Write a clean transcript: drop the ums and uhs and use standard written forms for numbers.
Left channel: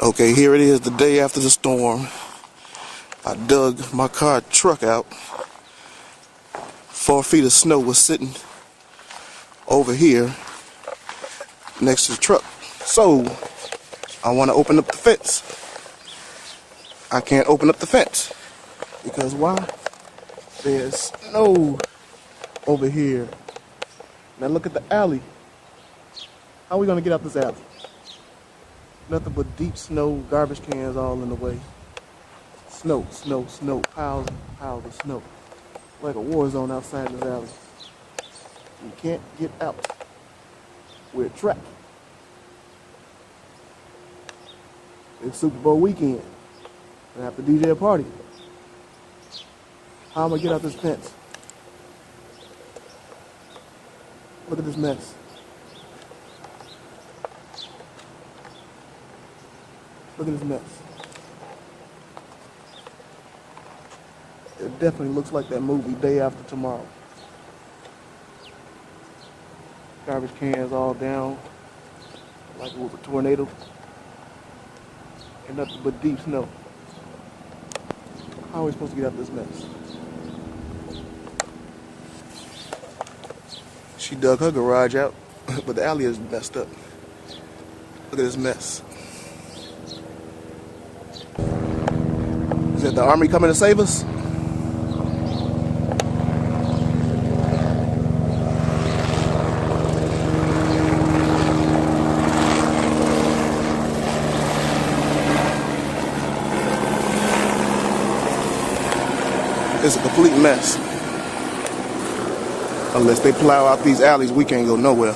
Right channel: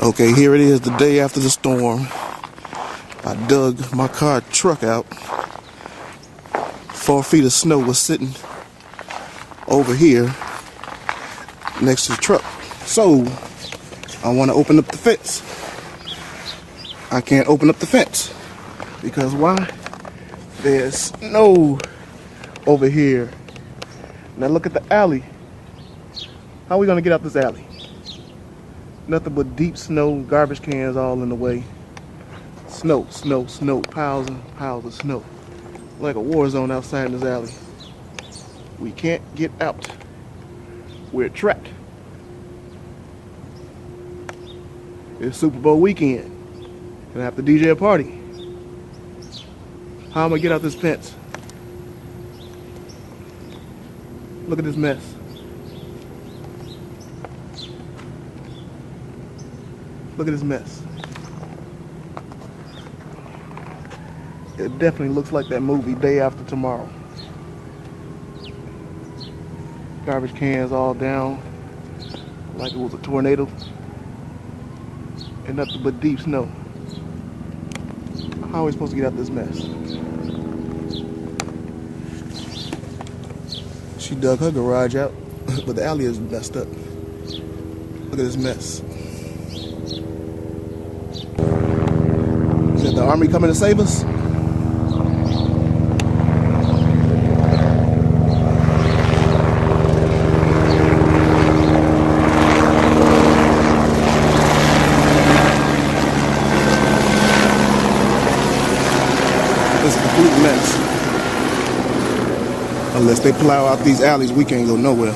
Okay, here it is the day after the storm. I dug my car truck out. 4 feet of snow was sitting over here next to the truck. So, I want to open up the fence. I can't open up the fence. Because why? There's snow over here. Now look at the alley. How are we going to get out this alley? Nothing but deep snow, garbage cans all in the way. Snow, snow, snow, piles and piles of snow. Like a war zone outside in this alley. We can't get out. We're trapped. It's Super Bowl weekend. Gonna have to DJ a party. How am I gonna get out this fence? Look at this mess. Look at this mess. It definitely looks like that movie Day After Tomorrow. Garbage cans all down like it was a tornado. And nothing but deep snow. How are we supposed to get out of this mess? She dug her garage out, but the alley is messed up. Look at this mess. Is that the army coming to save us? It's a complete mess. Unless they plow out these alleys, we can't go nowhere.